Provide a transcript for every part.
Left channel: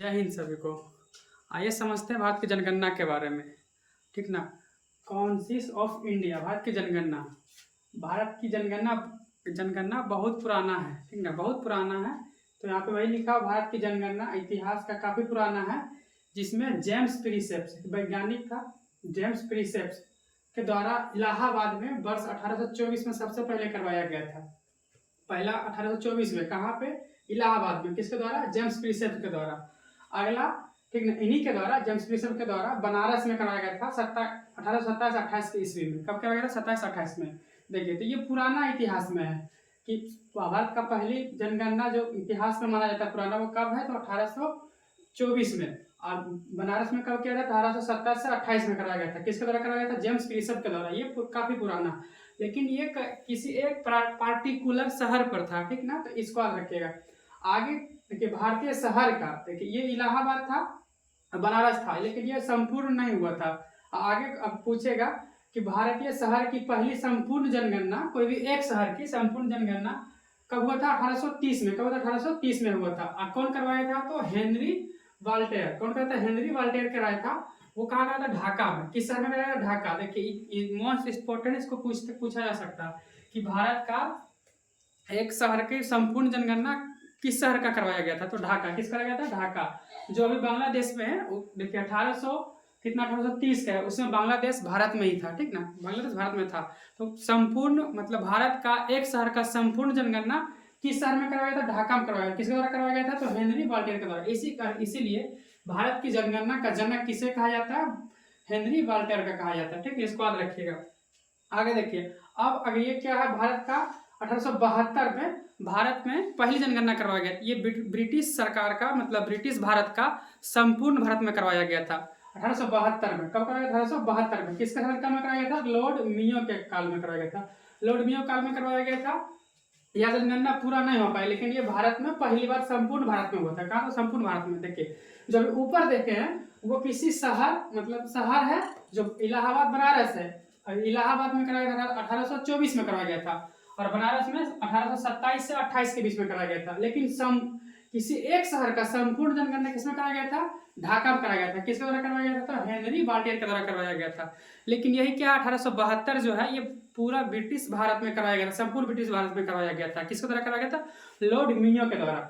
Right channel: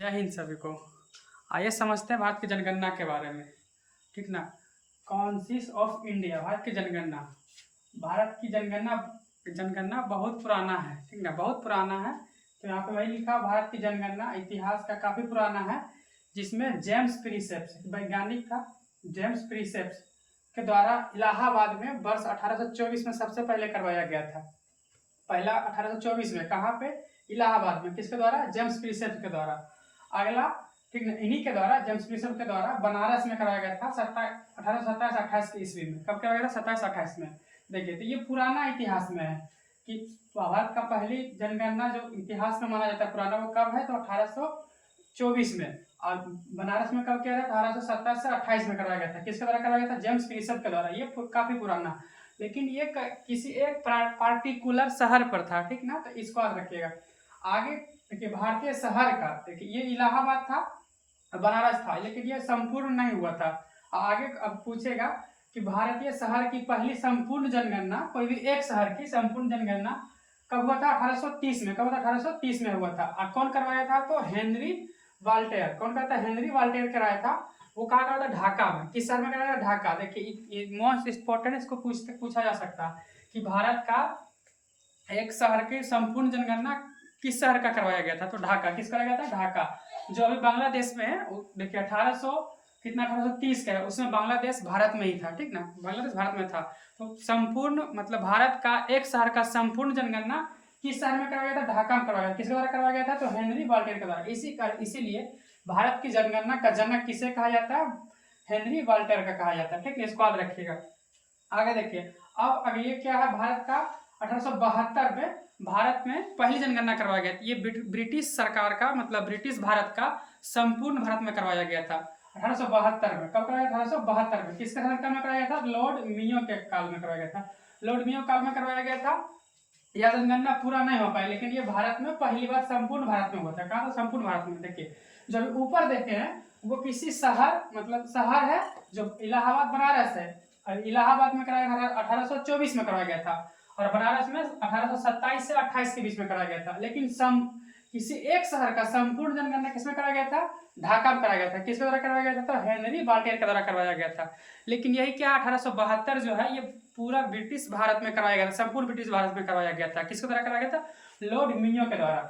जय हिंद सभी को। आइए समझते हैं भारत की जनगणना के बारे में। ठीक ना। कॉन्सिस ऑफ इंडिया, भारत की जनगणना। भारत की जनगणना जनगणना बहुत पुराना है। ठीक ना, बहुत पुराना है। तो यहाँ पे वही लिखा हुआ, भारत की जनगणना इतिहास का काफ़ी पुराना है, जिसमें जेम्स प्रिसेप्स वैज्ञानिक था। जेम्स प्रिसेप्स के द्वारा इलाहाबाद में वर्ष 1824 में सबसे पहले करवाया गया था। पहला 1824 में कहाँ पे? इलाहाबाद में। किसके द्वारा? जेम्स प्रिसेप्स के द्वारा। अगला, ठीक ना, इन्हीं के द्वारा, जेम्स प्रिसेप्स के द्वारा बनारस में कराया गया था 1827-28 की ईस्वी में। कब कराया गया था? 27-28 में। देखिए, तो ये पुराना इतिहास में है कि भारत का पहली जनगणना जो इतिहास में माना जाता है पुराना, वो कब है? तो 1824 में। और बनारस में कब किया था? 1827 से 28 में कराया गया था। किसके द्वारा कराया गया था? जेम्स प्रिसेप्स के द्वारा। ये काफी पुराना, लेकिन ये किसी एक पार्टिकुलर शहर पर था। ठीक ना, तो इसको याद रखिएगा। आगे देखिए, भारतीय शहर का देखिए, ये इलाहाबाद था, बनारस था, लेकिन ये संपूर्ण नहीं हुआ था। आगे अब पूछेगा कि भारतीय शहर की पहली संपूर्ण जनगणना, कोई भी एक शहर की संपूर्ण जनगणना कब हुआ था? 1830 में। कब हुआ था? 1830 में हुआ था। और कौन करवाया था? तो हेनरी वाल्टेयर। कौन करता? हेनरी वाल्टेयर कराया था। वो कहा गया था? ढाका में। किस शहर में कराया था? ढाका। देखिए, मोस्ट इंपॉर्टेंट, इसको पूछा जा सकता है कि भारत का एक शहर की संपूर्ण जनगणना किस शहर का करवाया गया था? तो ढाका। किस कराया गया था? ढाका, जो अभी बांग्लादेश में है। देखिए 1830 का है, उसमें बांग्लादेश भारत में ही था। ठीक ना, बांग्लादेश भारत में था। तो संपूर्ण मतलब भारत का एक शहर का संपूर्ण जनगणना किस शहर में करवाया गया था? ढाका में करवाया गया। किसके द्वारा करवाया गया था? तो हेनरी वाल्टेयर के द्वारा। इसीलिए भारत की जनगणना का जनक किसे कहा जाता है? हेनरी वाल्टेयर का कहा जाता है। ठीक है, इसको याद रखिएगा। आगे देखिए, अब अगर ये क्या है, भारत का 1872 में भारत में पहली जनगणना करवाया गया। ये ब्रिटिश सरकार का मतलब ब्रिटिश भारत का संपूर्ण भारत में करवाया गया था 1872 में। कब करवाया? 1872 में। किसके शासनकाल में कराया गया था? लॉर्ड मियो के काल में करवाया गया था। लॉर्ड मियो काल में करवाया गया था। यह जनगणना पूरा नहीं हो पाई, लेकिन ये भारत में पहली बार संपूर्ण भारत में हुआ था। कहा था? संपूर्ण भारत में। देखिए, जब ऊपर देखे हैं, वो किसी शहर मतलब शहर है जो इलाहाबाद बनारस है। इलाहाबाद में कराया गया था 1824 में कराया गया था, और बनारस में 1827 से 28 के बीच में कराया गया था। लेकिन किसी एक शहर का संपूर्ण जनगणना किसमें कराया गया था? ढाका में कराया गया था। किसके द्वारा करवाया गया था? तो हेनरी वाल्टेयर के द्वारा करवाया गया था। लेकिन यही क्या, 1872 जो है, ये पूरा ब्रिटिश भारत में करवाया गया था, संपूर्ण ब्रिटिश भारत में करवाया गया था। किसके द्वारा करवाया गया था? लॉर्ड मियो के द्वारा।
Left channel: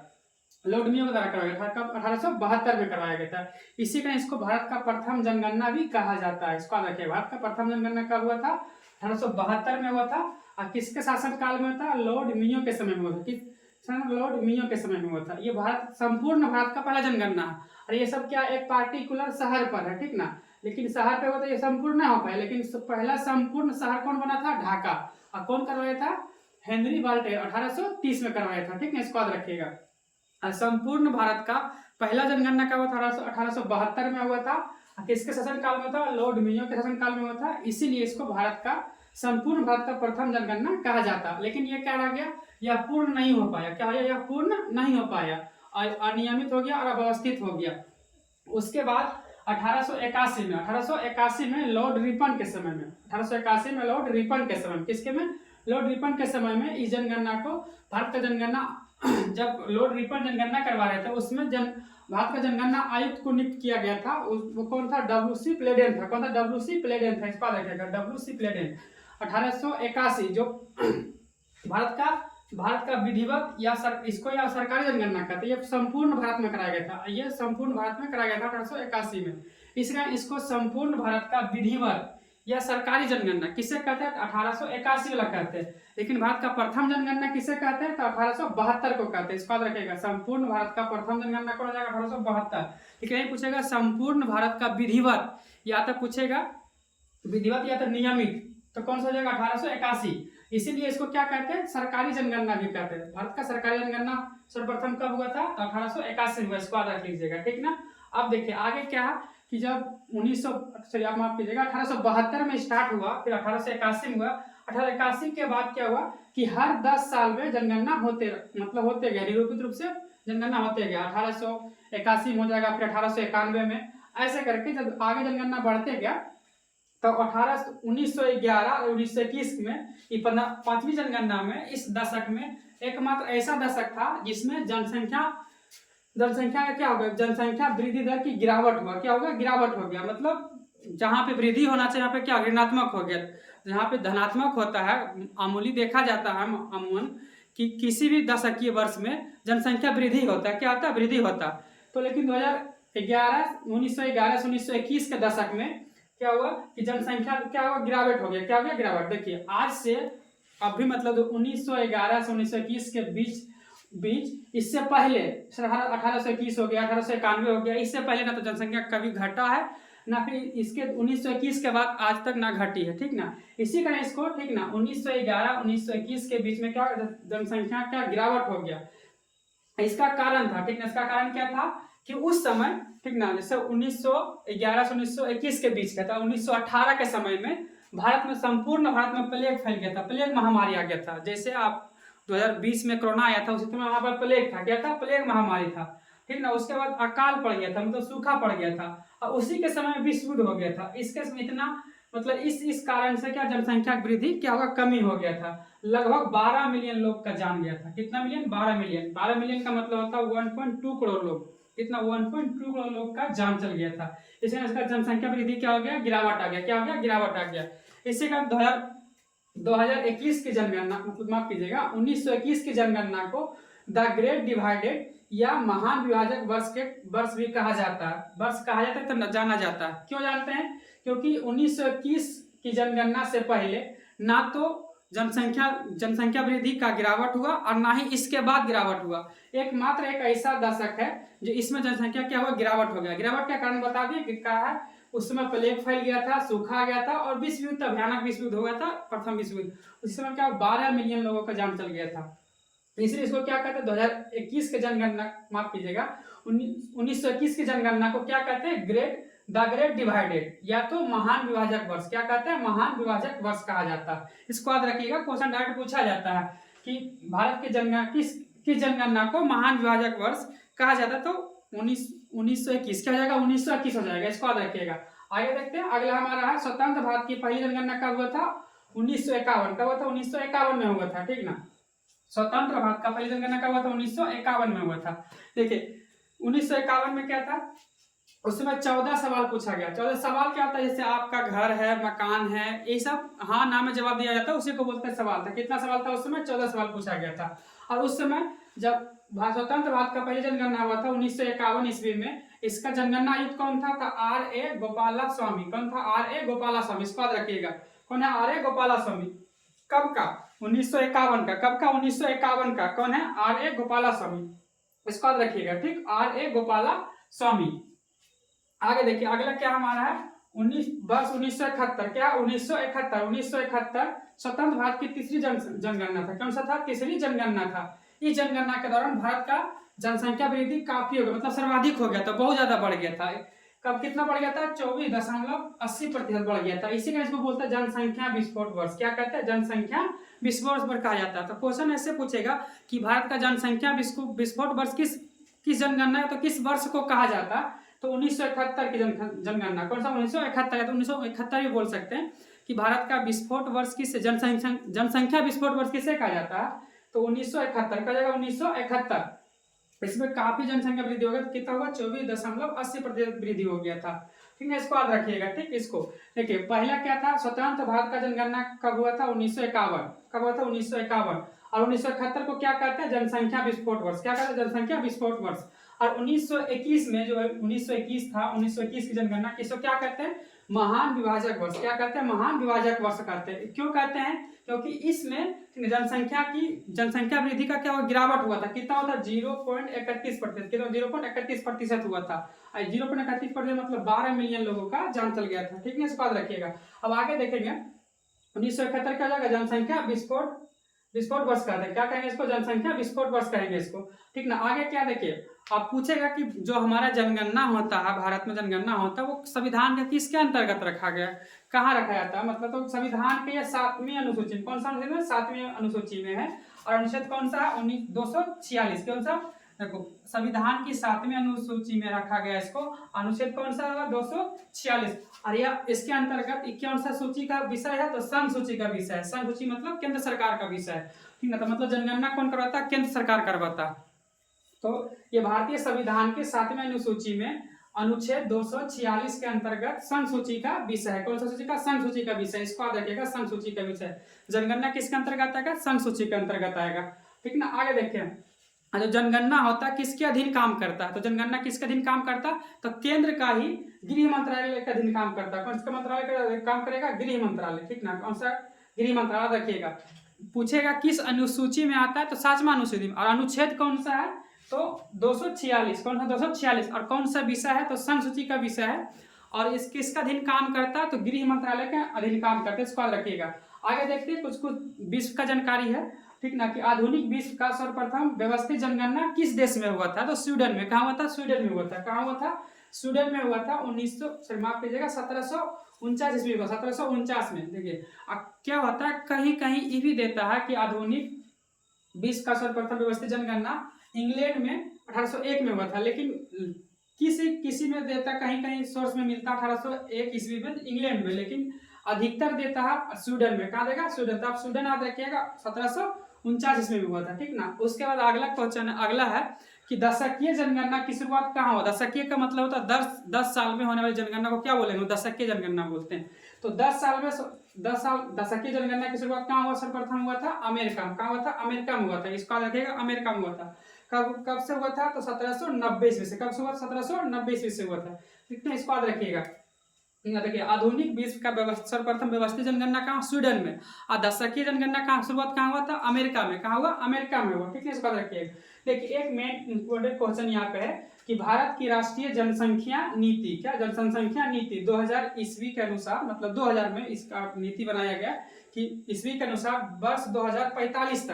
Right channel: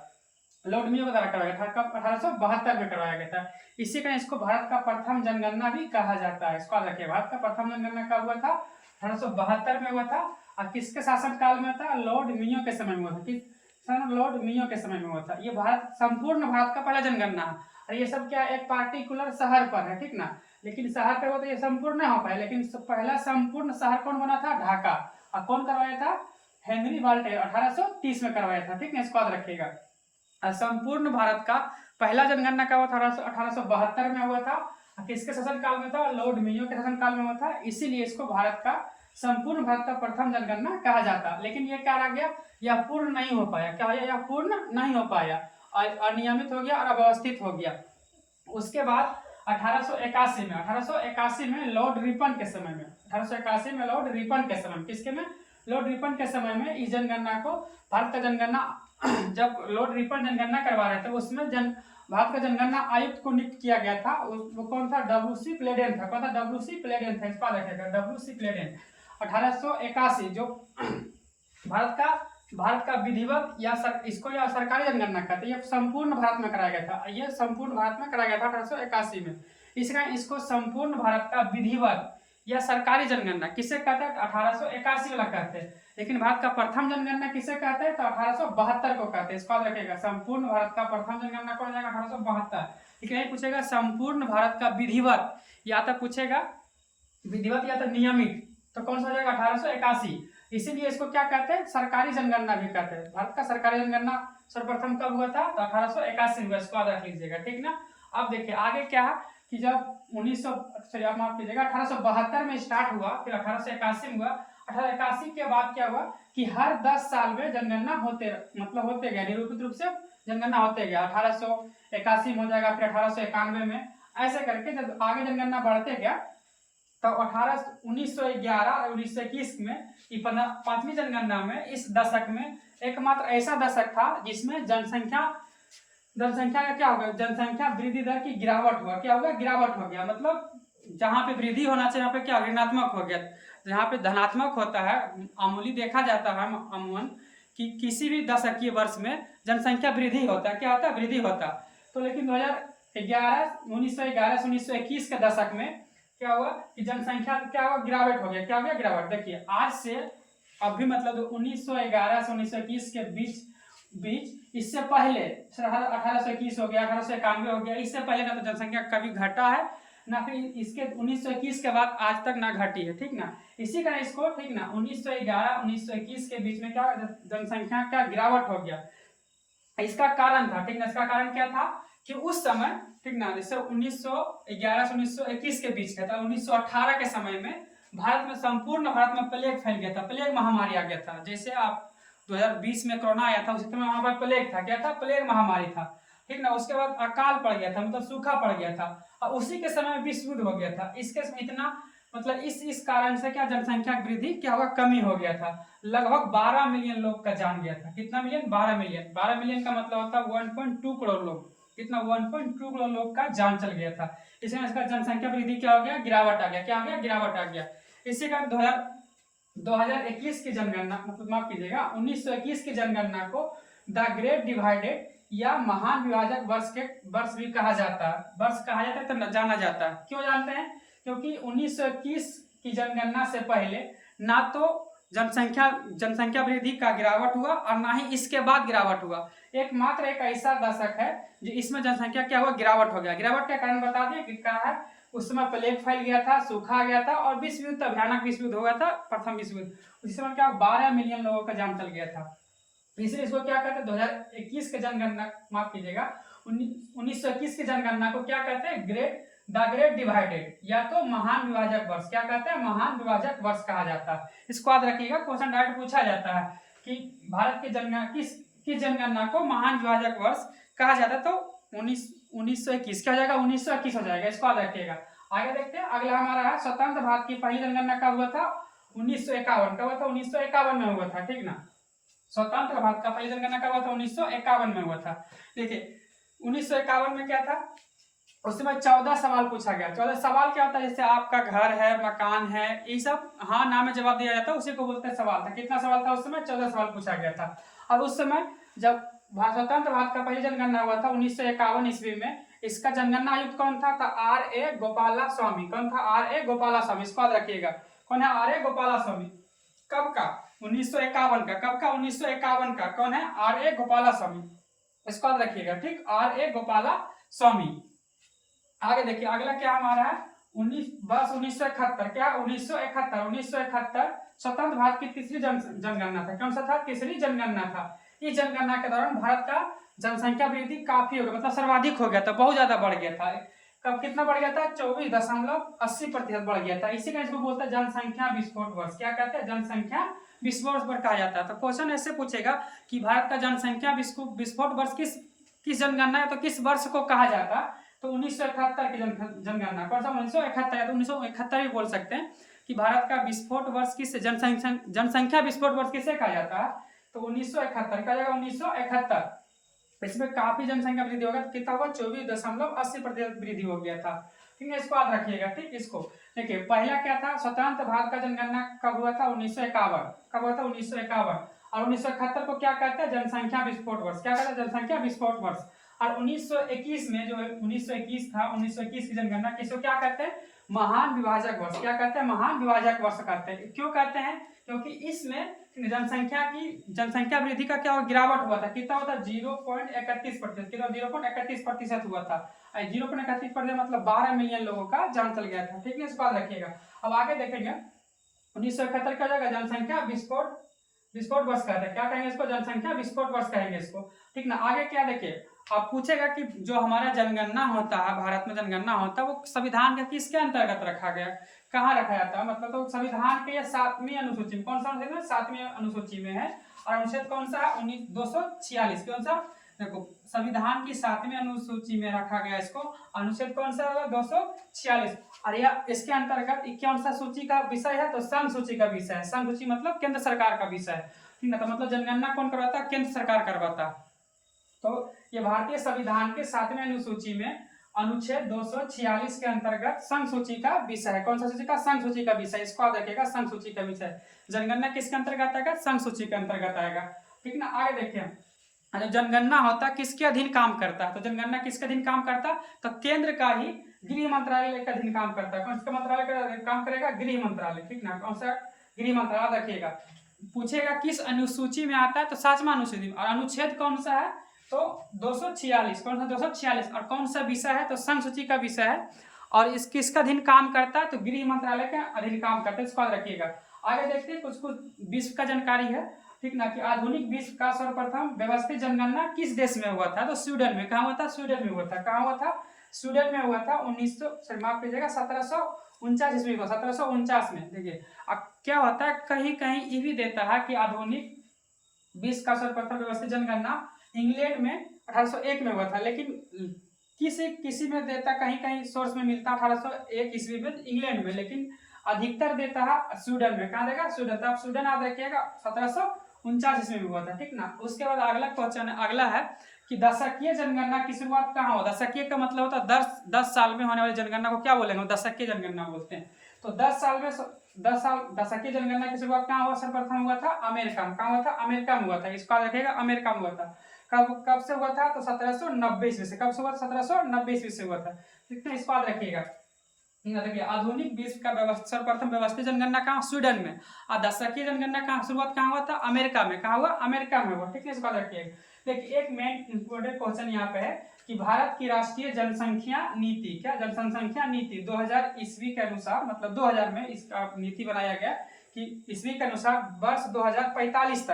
लॉर्ड मियो के द्वारा करवाया गया था। कब? 1872 में करवाया गया था। इसी कारण इसको भारत का प्रथम जनगणना भी कहा जाता है। इसको याद रखिए, भारत का प्रथम जनगणना कब हुआ था? 1872 में हुआ था। और किसके शासन काल में था? लॉर्ड मियो के समय में हुआ था। किस समय? लॉर्ड मियो के समय में हुआ था। ये भारत संपूर्ण भारत का पहला जनगणना है। और ये सब क्या, एक पार्टिकुलर शहर पर है। ठीक ना, लेकिन शहर पे हुआ था, ये संपूर्ण नहीं हो पाया। लेकिन पहला संपूर्ण शहर कौन बना था? ढाका। और कौन करवाया था? हेनरी वाल्टेयर 1830 में करवाया था। ठीक है, इसको याद रखिएगा। संपूर्ण भारत का पहला जनगणना का हुआ था 1872 में हुआ था। किसके शासन काल में था? लॉर्ड मियो के शासन काल में हुआ था। इसीलिए इसको भारत का संपूर्ण भारत का प्रथम जनगणना कहा जाता। लेकिन ये क्या रह गया? यह पूर्ण नहीं हो पाया। क्या हो गया? यह पूर्ण नहीं हो पाया, अनियमित हो गया और अव्यवस्थित हो गया। उसके बाद 1881 में लॉर्ड रिपन के समय में, 1881 में लॉर्ड रिपन के समय में, किसके में? लॉर्ड रिपन के समय में इस जनगणना को, भारत का जनगणना जब लॉर्ड रिपन जनगणना करवा रहे थे, उसमें भारत का जनगणना आयुक्त को नियुक्त किया गया था। वो कौन था? डब्ल्यू.सी. प्लेडेन था। कौन था? डब्ल्यू.सी. प्लेडेन था। इस पर रखिएगा, डब्ल्यू.सी. प्लेडेन। 1881 जो भारत का विधिवत या इसको या सरकारी जनगणना कहते हैं। ये संपूर्ण भारत में कराया गया था। ये संपूर्ण भारत में कराया गया था 1881 में। इसलिए इसको संपूर्ण भारत का विधिवत या सरकारी जनगणना किसे कहते हैं? 1881 वाला कहते हैं। लेकिन भारत का प्रथम जनगणना किसे कहते हैं? तो 1872 को कहते हैं। इसको याद रखिएगा, संपूर्ण भारत का प्रथम जनगणना कौन हो जाएगा? 1872। लेकिन यही पूछेगा संपूर्ण भारत का विधिवत, या तो पूछेगा विधिवत या तो नियमित, तो कौन सा हो जाएगा? 1881। इसीलिए इसको क्या कहते हैं? सरकारी जनगणना भी कहते हैं। भारत का सरकारी जनगणना सर्वप्रथम कब हुआ था? तो 1881 हुआ। इसको याद रख लीजिएगा। ठीक ना। अब देखिए आगे क्या है कि जब 1900 आप माफ कीजिएगा 1872 में स्टार्ट हुआ, फिर 1881 में हुआ। 1881 के बाद क्या हुआ कि हर 10 साल में जनगणना होते गया, निरूपित रूप से जनगणना होते गया। 1881 में हो जाएगा, फिर 1891 में, ऐसे करके जब आगे जनगणना बढ़ते गया, तो 1911 और 1921 में ये 5वीं जनगणना में, इस दशक में एकमात्र ऐसा दशक था जिसमें जनसंख्या जनसंख्या का क्या होगा, जनसंख्या वृद्धि दर की गिरावट हुआ, क्या होगा, गिरावट हो गया। मतलब जहाँ पे वृद्धि होना चाहिए यहाँ पे क्या ऋणात्मक हो गया। जहाँ पे धनात्मक होता है, मामूली देखा जाता है अमूमन कि किसी भी दशकीय वर्ष में जनसंख्या वृद्धि होता है, क्या होता है, वृद्धि होता है। तो लेकिन 2011 1911 से 1921 के दशक में क्या हुआ कि जनसंख्या क्या हुआ, गिरावट हो गया। क्या हो गया, गिरावट। देखिए आज से अभी मतलब 1911 से 1921 के बीच बीच इससे पहले 1821 हो गया, 1891 हो गया, इससे पहले ना तो जनसंख्या कभी घटा है ना फिर इसके 1921 के बाद आज तक ना घटी है, ठीक ना। इसी कारण इसको, ठीक ना, 1911 1921 के बीच में क्या जनसंख्या का गिरावट हो गया। इसका कारण था, ठीक ना, इसका कारण क्या था कि उस समय, ठीक ना, जैसे 1911 से 1921 के बीच का था, 1918 के समय में भारत में, संपूर्ण भारत में प्लेग फैल गया था, प्लेग महामारी आ गया था। जैसे आप 2020 में कोरोना आया था, उसी समय वहां पर प्लेग था, क्या था, प्लेग महामारी था, ठीक ना। उसके बाद अकाल पड़ गया था, मतलब सूखा पड़ गया था, और उसी के समय विश्व युद्ध हो गया था। इसके समय इतना मतलब इस कारण से क्या जनसंख्या वृद्धि क्या होगा, कमी हो गया था। लगभग 12 मिलियन लोग का जान गया था। कितना मिलियन, 12 मिलियन। 12 मिलियन का मतलब होता है 1.2 करोड़ लोग। कितना, 1.2 करोड़ लोग का जान चल गया था। इसमें इसका जनसंख्या वृद्धि क्या हो गया, गिरावट आ गया। क्या हो गया, गिरावट आ गया। इसी का 2021 की जनगणना, मतलब माफ कीजिएगा 1921 की जनगणना को द ग्रेट डिवाइडेड या महान विभाजक वर्ष भी कहा जाता है। वर्ष कहा जाता है तो जाना जाता है। क्यों जानते हैं, क्योंकि 1921 की जनगणना से पहले ना तो जनसंख्या वृद्धि का गिरावट हुआ और ना ही इसके बाद गिरावट हुआ। एकमात्र एक ऐसा दशक है जो इसमें जनसंख्या क्या हुआ, गिरावट हो गया। गिरावट का कारण बता दिए कि क्या है, उस समय प्लेग फैल गया था, सूखा आ गया था और विश्व युद्ध, भयानक विश्व युद्ध हो गया था, प्रथम विश्व युद्ध। उस समय क्या 12 मिलियन लोगों का जान चल गया था। इसलिए इसको क्या कहते हैं, 2021 के जनगणना, माफ कीजिएगा 1921 की जनगणना को क्या कहते हैं, द ग्रेट डिवाइडेड या तो महान विभाजक वर्ष। क्या कहते हैं, महान विभाजक वर्ष कहा जाता है। इसको याद रखिएगा, क्वेश्चन डायरेक्ट पूछा जाता है कि भारत की जनगणना किस जनगणना को महान विभाजक वर्ष कहा जाता है। तो 1921 क्या हो जाएगा, 1921 हो जाएगा। इसको याद रखिएगा। आगे देखते हैं, अगला हमारा है स्वतंत्र भारत की पहली जनगणना कब हुआ था, 1951। कब हुआ था, 1951 में हुआ था, ठीक ना। स्वतंत्र भारत का पहली जनगणना कब हुआ था, 1951 में हुआ था। देखिए 1951 में क्या था, उस समय 14 सवाल पूछा गया। 14 सवाल क्या होता है, जैसे आपका घर है, मकान है, ये सब हाँ ना में जवाब दिया जाता है, उसी को बोलते हैं सवाल था। कितना सवाल था उस समय, 14 सवाल पूछा गया था। और उस समय जब स्वतंत्र भारत का पहली जनगणना हुआ था 1951 ईस्वी में, इसका जनगणना आयुक्त कौन था, R.A. गोपाला स्वामी। कौन था, R.A. गोपाला स्वामी। इसको याद रखिएगा, कौन है, R.A. गोपाला स्वामी। कब का, 1951 का। कब का, 1951 का। कौन है, R.A. गोपाला स्वामी। इसको याद रखिएगा, ठीक, R.A. गोपाला स्वामी। आगे देखिए, अगला क्या हमारा है, 1971। क्या, 1971 स्वतंत्र भारत की तीसरी जनगणना था। कौन सा था, तीसरी जनगणना था। इस जनगणना के दौरान भारत का जनसंख्या वृद्धि काफी हो गया, मतलब सर्वाधिक हो गया था, बहुत ज्यादा बढ़ गया था। कब कितना बढ़ गया था, 24.80% बढ़ गया था। इसी कारण इसको बोलता है जनसंख्या विस्फोट वर्ष। क्या कहते हैं, जनसंख्या विस्फोट वर्ष कहा जाता है। तो क्वेश्चन ऐसे पूछेगा कि भारत का जनसंख्या विस्फोट वर्ष किस जनगणना है, तो किस वर्ष को कहा जाता है। तो 1971 की जनगणना। कौन सा, 1971 या तो 1971 भी बोल सकते हैं कि भारत का विस्फोट वर्ष किस जनसंख्या विस्फोट वर्ष किसे कहा जाता है। तो 1971 का जाएगा, 1971। इसमें काफी जनसंख्या वृद्धि होगा, कितना होगा, 24.80% वृद्धि हो गया था, ठीक है। इसको याद रखिएगा, ठीक। इसको देखिए, पहला क्या था, स्वतंत्र भारत का जनगणना कब हुआ था, 1951। कब हुआ था, 1951। और 1971 को क्या कहते हैं, जनसंख्या विस्फोट वर्ष। क्या कहते हैं, जनसंख्या विस्फोट वर्ष। और 1921 में जो 1921 था, 1921 की जनगणना किसको क्या कहते हैं, महान विभाजक वर्ष। क्या कहते हैं, महान विभाजक वर्ष कहते हैं। क्यों कहते हैं, क्योंकि इसमें जनसंख्या वृद्धि का क्या गिरावट हुआ था। कितना हुआ था, 0.31%। कितना, 0.31% हुआ था। 0.31% मतलब 12 मिलियन लोगों का जान चल गया था, ठीक है। इसको याद रखिएगा। अब आगे देखेंगे, 1971 का जाएगा जनसंख्या विस्फोट वर्ष कहते हैं। क्या कहेंगे इसको, जनसंख्या विस्फोट वर्ष कहेंगे इसको, ठीक ना। आगे क्या देखिए, अब पूछेगा कि जो हमारा जनगणना होता है, भारत में जनगणना होता है, वो संविधान के किसके अंतर्गत रखा गया, कहाँ रखा जाता है। मतलब तो संविधान के 7वीं अनुसूची में, कौन सा अनुच्छेद में, 7वीं अनुसूची में है। और अनुच्छेद कौन सा है, 246। कौन सा, देखो संविधान की 7वीं अनुसूची में रखा गया इसको। अनुच्छेद कौन सा है, 246। और यह इसके अंतर्गत कौन सा सूची का विषय है, तो संघ सूची का विषय है। संघ सूची मतलब केंद्र सरकार का विषय है, ठीक ना। तो मतलब जनगणना कौन करवाता है, केंद्र सरकार करवाता है। तो ये भारतीय संविधान के 7वें अनुसूची में अनुच्छेद 246 के अंतर्गत संघ सूची का विषय है। कौन सा सूची का? संघ सूची का विषय। इसको याद रखिएगा, संघ सूची का विषय। जनगणना किसके अंतर्गत आएगा? संघ सूची के अंतर्गत आएगा। ठीक ना। आगे देखिए, जो जनगणना होता है किसके अधीन काम करता है? तो जनगणना किसके अधीन काम करता है? तो केंद्र का ही गृह मंत्रालय के अधीन काम करता है। कौन सा मंत्रालय का काम करेगा? गृह मंत्रालय। ठीक ना। कौन सा? गृह मंत्रालय। रखिएगा, पूछेगा किस अनुसूची में आता है? तो 7वां अनुसूची में। और अनुच्छेद कौन सा है? तो 246। कौन सा? 246। और कौन सा विषय है? तो संघ सूची का विषय है। और इस किसका अधीन काम करता है? तो गृह मंत्रालय के अधीन काम करता है। इसको याद रखिएगा। आगे देखते हैं कुछ कुछ विश्व का जानकारी है। ठीक ना, कि आधुनिक विश्व का सर्वप्रथम व्यवस्थित जनगणना किस देश में हुआ था? तो स्वीडन में। कहाँ हुआ था? स्वीडन में हुआ था। कहाँ हुआ था? स्वीडन में हुआ था। 1900 माफ कीजिएगा 1749 ईस्वी में। 1749 में। देखिए क्या होता है, कहीं कहीं ये भी देता है कि आधुनिक विश्व का सर्वप्रथम व्यवस्थित जनगणना इंग्लैंड में 1801 में हुआ था, लेकिन किसी में देता, कहीं कहीं सोर्स में मिलता 1801 ईस्वी में इंग्लैंड में, लेकिन अधिकतर देता है स्वीडन में। कहाँ देगा? स्वीडन। तो आप स्वीडन याद रखिएगा, 1749 ईस्वी में हुआ था। ठीक ना। उसके बाद अगला क्वेश्चन अगला है कि दशकीय जनगणना की शुरुआत कहाँ हुआ? दशकीय का मतलब होता है 10 साल में होने वाली जनगणना को क्या बोलेंगे? दशकीय जनगणना बोलते हैं। तो 10 साल में 10 साल दशकीय जनगणना की शुरुआत कहाँ हुआ? सर्वप्रथम हुआ था अमेरिका में। कहाँ हुआ था? अमेरिका में हुआ था। इसको याद रखिएगा, अमेरिका में हुआ था। कब से हुआ था? तो 1790 ईस्वी से। कब से हुआ? 1790 ईस्वी से हुआ था। ठीक है, इसको याद रखिएगा। देखिए, आधुनिक विश्व का सर्वप्रथम व्यवस्थित जनगणना कहाँ? स्वीडन में। और दशकीय जनगणना कहाँ शुरुआत कहाँ हुआ था? अमेरिका में। कहाँ हुआ? अमेरिका में हुआ। ठीक है, इसको याद रखिएगा। देखिए, एक मेन इंपोर्टेंट क्वेश्चन यहाँ पे है कि भारत की राष्ट्रीय जनसंख्या नीति, क्या जनसंख्या नीति 2000 ईस्वी के अनुसार, मतलब 2000 में इसका नीति बनाया गया कि ईस्वी के अनुसार वर्ष 2045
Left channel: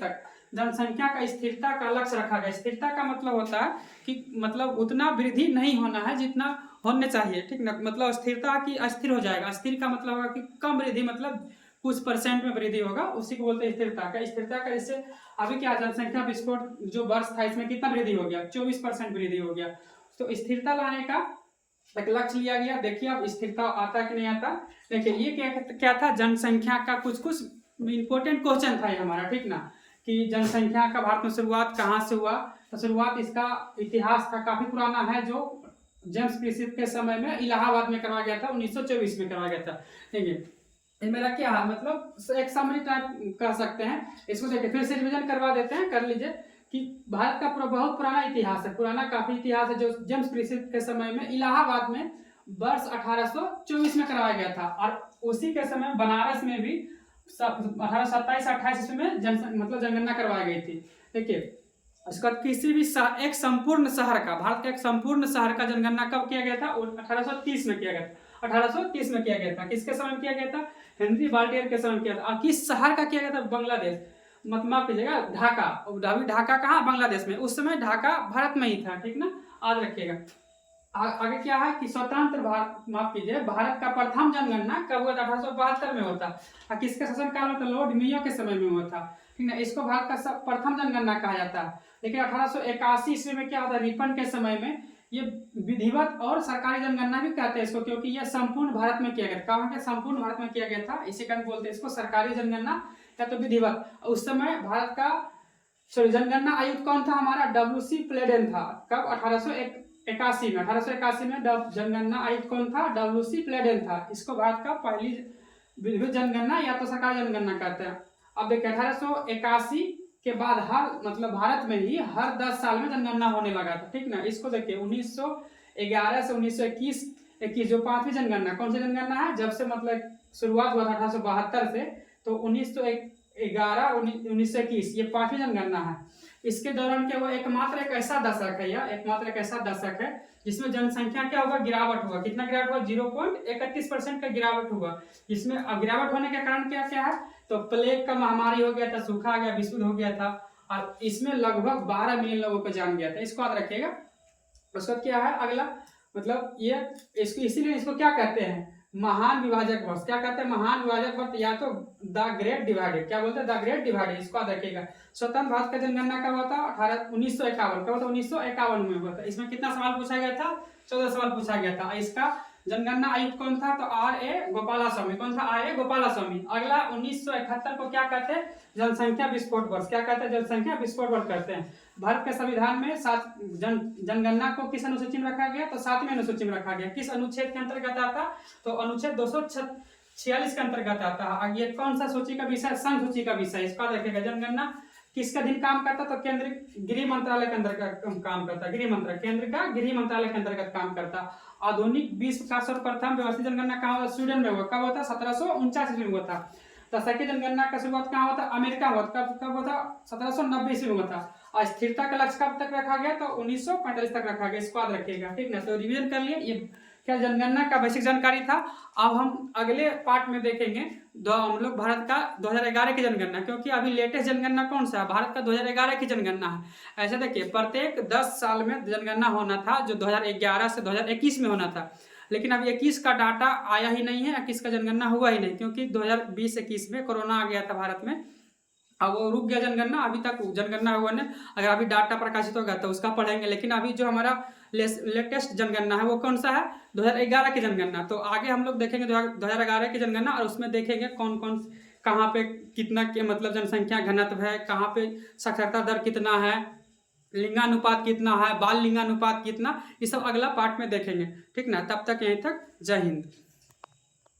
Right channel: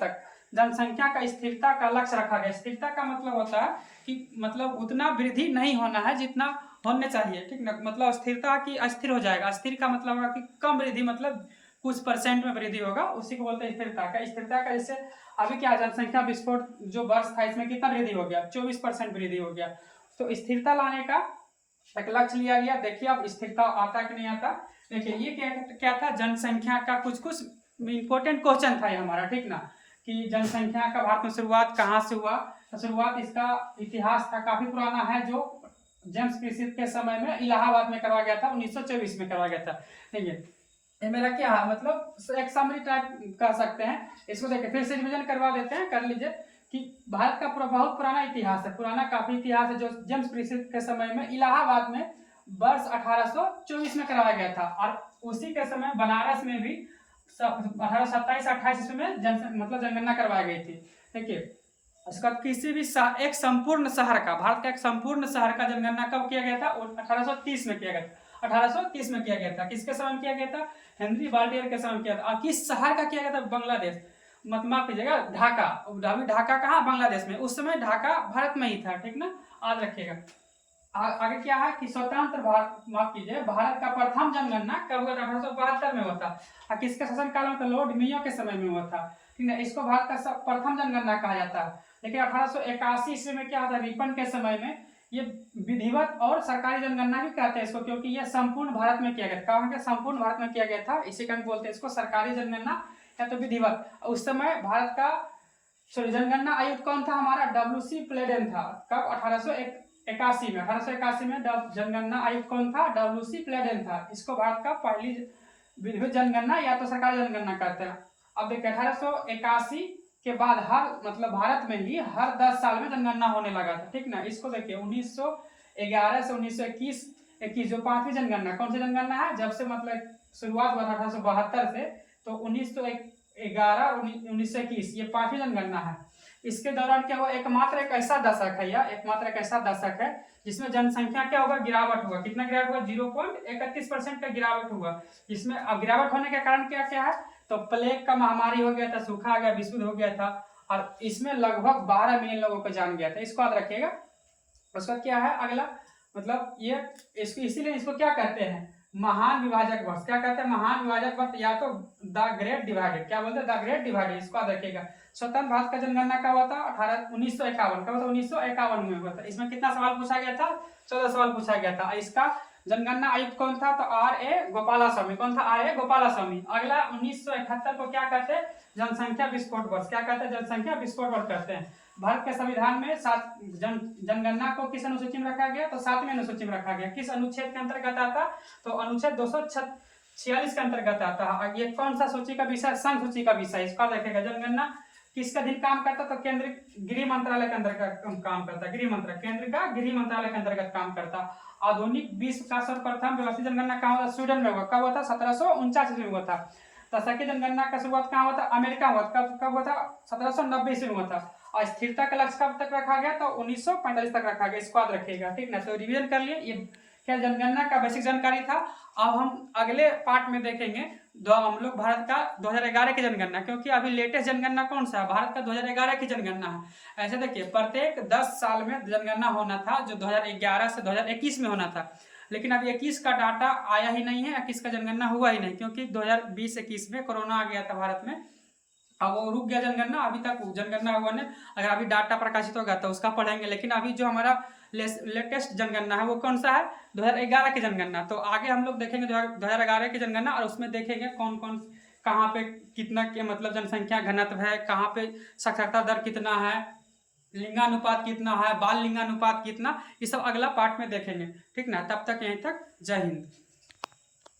तक जनसंख्या का स्थिरता का लक्ष्य रखा गया। स्थिरता का मतलब होता है कि मतलब उतना वृद्धि नहीं होना है जितना होने चाहिए। ठीक ना। मतलब स्थिरता की अस्थिर हो जाएगा। अस्थिर का मतलब होगा कि कम वृद्धि, मतलब कुछ % में वृद्धि होगा, उसी को बोलते हैं स्थिरता का। स्थिरता का जैसे अभी क्या जनसंख्या विस्फोट जो वर्ष था, इसमें कितना वृद्धि हो गया? 24% वृद्धि हो गया। तो स्थिरता लाने का एक लक्ष्य लिया गया। देखिए अब स्थिरता आता कि नहीं आता। देखिए ये क्या था, जनसंख्या का कुछ इंपॉर्टेंट क्वेश्चन था ये हमारा। ठीक ना, कि जनसंख्या का भारत में शुरुआत कहाँ से हुआ? तो शुरुआत, इसका इतिहास था काफी पुराना है, जो जेम्स प्रिस्प के समय में इलाहाबाद में करवाया गया था, 1924 में करवाया गया था। देखिए ये मेरा क्या है, मतलब एक समरी टाइप कह सकते हैं इसको। देखिए फिर से रिविजन करवा देते हैं, कर लीजिए कि भारत का बहुत पुराना इतिहास है, पुराना काफी इतिहास है, जो जेम्स प्रिस्प के समय में इलाहाबाद में वर्ष 1824 में करवाया गया था। और उसी के समय बनारस में भी 1827-28 ईस्वी में जनगणना करवाई गई थी। देखिए उसके बाद किसी भी एक संपूर्ण शहर का, भारत का एक संपूर्ण शहर का जनगणना कब किया गया था? 1830 में किया गया था। 1830 में किया गया था। किसके समय में किया गया था? हेनरी बाल्टियर के समय में किया था। और किस शहर का किया गया था? बांग्लादेश, मत माफ कीजिएगा, ढाका। अभी ढाका कहाँ? बांग्लादेश में। उस समय ढाका भारत में ही था। ठीक ना, याद रखिएगा। आगे क्या है कि स्वतंत्र भारत, माफ कीजिए, भारत का प्रथम जनगणना कब हुआ था? 1872 में हुआ था। और किसके शासनकाल में? तो लॉर्ड मेयो के समय में हुआ था। ठीक है, इसको भारत का प्रथम जनगणना कहा जाता है। लेकिन 1881 ईस्वी में क्या होता है? रिपन के समय में ये विधिवत और सरकारी जनगणना भी कहते हैं इसको, क्योंकि यह संपूर्ण भारत में किया गया था। कहाँ के? संपूर्ण भारत में किया गया था, इसी कारण बोलते हैं इसको सरकारी जनगणना या तो विधिवत। उस समय भारत का जनगणना आयुक्त कौन था हमारा? WC प्लेडेन था। कब? 1881 में। 1881 में जनगणना आयुक्त कौन था? WC प्लेडेन था। इसको भारत का पहली विधिवत जनगणना या तो सरकारी जनगणना कहते हैं। अब देखिए 1881 के बाद मतलब भारत में ही हर 10 साल में जनगणना होने लगा था। ठीक ना, इसको देखिए 1911 से 1921 जो 5वीं जनगणना, कौन सी जनगणना है? जब से मतलब शुरुआत हुआ था 1872 से, तो 1911 और 1921 ये 5वीं जनगणना है। इसके दौरान क्या हुआ? एकमात्र एक ऐसा दशक है जिसमें जनसंख्या क्या होगा? गिरावट होगा। कितना गिरावट हुआ? 0.31% का गिरावट हुआ। इसमें अब गिरावट होने के कारण क्या क्या है? तो प्लेग का महामारी हो गया था, सूखा आ गया, विश्व हो गया था, और इसमें लगभग 12 मिलियन लोगों को जान गया था। इसको याद रखिएगा। उसका क्या है अगला, मतलब ये इसको इसीलिए इसको क्या कहते हैं? महान विभाजक वर्ष। क्या कहते हैं? महान विभाजक वर्ष, या तो द ग्रेट डिवाइडेड। क्या बोलते हैं? The great divided. इसको याद रखिएगा। स्वतंत्र भारत का जनगणना कब हुआ था? 1951। कब हुआ था? 1951 में हुआ था। इसमें कितना सवाल पूछा गया था? 14 सवाल पूछा गया था। इसका जनगणना आयुक्त कौन था? तो R.A. गोपालास्वामी। कौन था? R.A. गोपालास्वामी। अगला 1971 को क्या कहते हैं? जनसंख्या विस्फोट वर्ष। क्या कहते हैं? जनसंख्या विस्फोट वर्ष कहते हैं। भारत के संविधान में जनगणना को किस अनुसूची में रखा गया? तो 7वें अनुसूची में रखा गया। किस अनुच्छेद के अंतर्गत आता? तो अनुच्छेद 246 के अंतर्गत आता है। ये कौन सा सूची का विषय? संघ सूची का विषय। इसका देखेगा जनगणना किसका अधीन काम करता? तो केंद्र गृह मंत्रालय के अंतर्गत काम करता। गृह मंत्रालय, केंद्र का गृह मंत्रालय के अंतर्गत काम करता। आधुनिक विश्व का सर्वप्रथम व्यवस्थित जनगणना कहाँ हुआ? स्वीडन में हुआ। कब हुआ था? 1749 में हुआ था। दशकीय जनगणना का शुरुआत कहाँ हुआ था? अमेरिका हुआ। कब हुआ था? 1790 में हुआ था। और स्थिरता का लक्ष्य कब तक रखा गया? तो 1945 तक रखा गया। इसको याद रखिएगा, ठीक ना। तो रिवीजन कर लिए, ये क्या जनगणना का बेसिक जानकारी था। अब हम अगले पार्ट में देखेंगे हम लोग भारत का 2011 की जनगणना, क्योंकि अभी लेटेस्ट जनगणना कौन सा है? भारत का 2011 की जनगणना है। ऐसे देखिए, प्रत्येक 10 साल में जनगणना होना था, जो 2011 से 2021 में होना था। लेकिन अभी 21 का डाटा आया ही नहीं है, 21 का जनगणना हुआ ही नहीं, क्योंकि 2020-21 में कोरोना आ गया था भारत में। अब वो रुक गया जनगणना, अभी तक जनगणना हुआ नहीं। अगर अभी डाटा प्रकाशित होगा तो उसका पढ़ेंगे। लेकिन अभी जो हमारा लेटेस्ट जनगणना है वो कौन सा है? 2011 की जनगणना। तो आगे हम लोग देखेंगे 2011 की जनगणना, और उसमें देखेंगे कौन कौन कहाँ पे कितना के मतलब जनसंख्या घनत्व है, कहाँ पे साक्षरता दर कितना है, लिंगानुपात कितना है, बाल लिंगानुपात कितना, ये सब अगला पार्ट में देखेंगे, ठीक ना। तब तक यहीं तक, जय हिंद।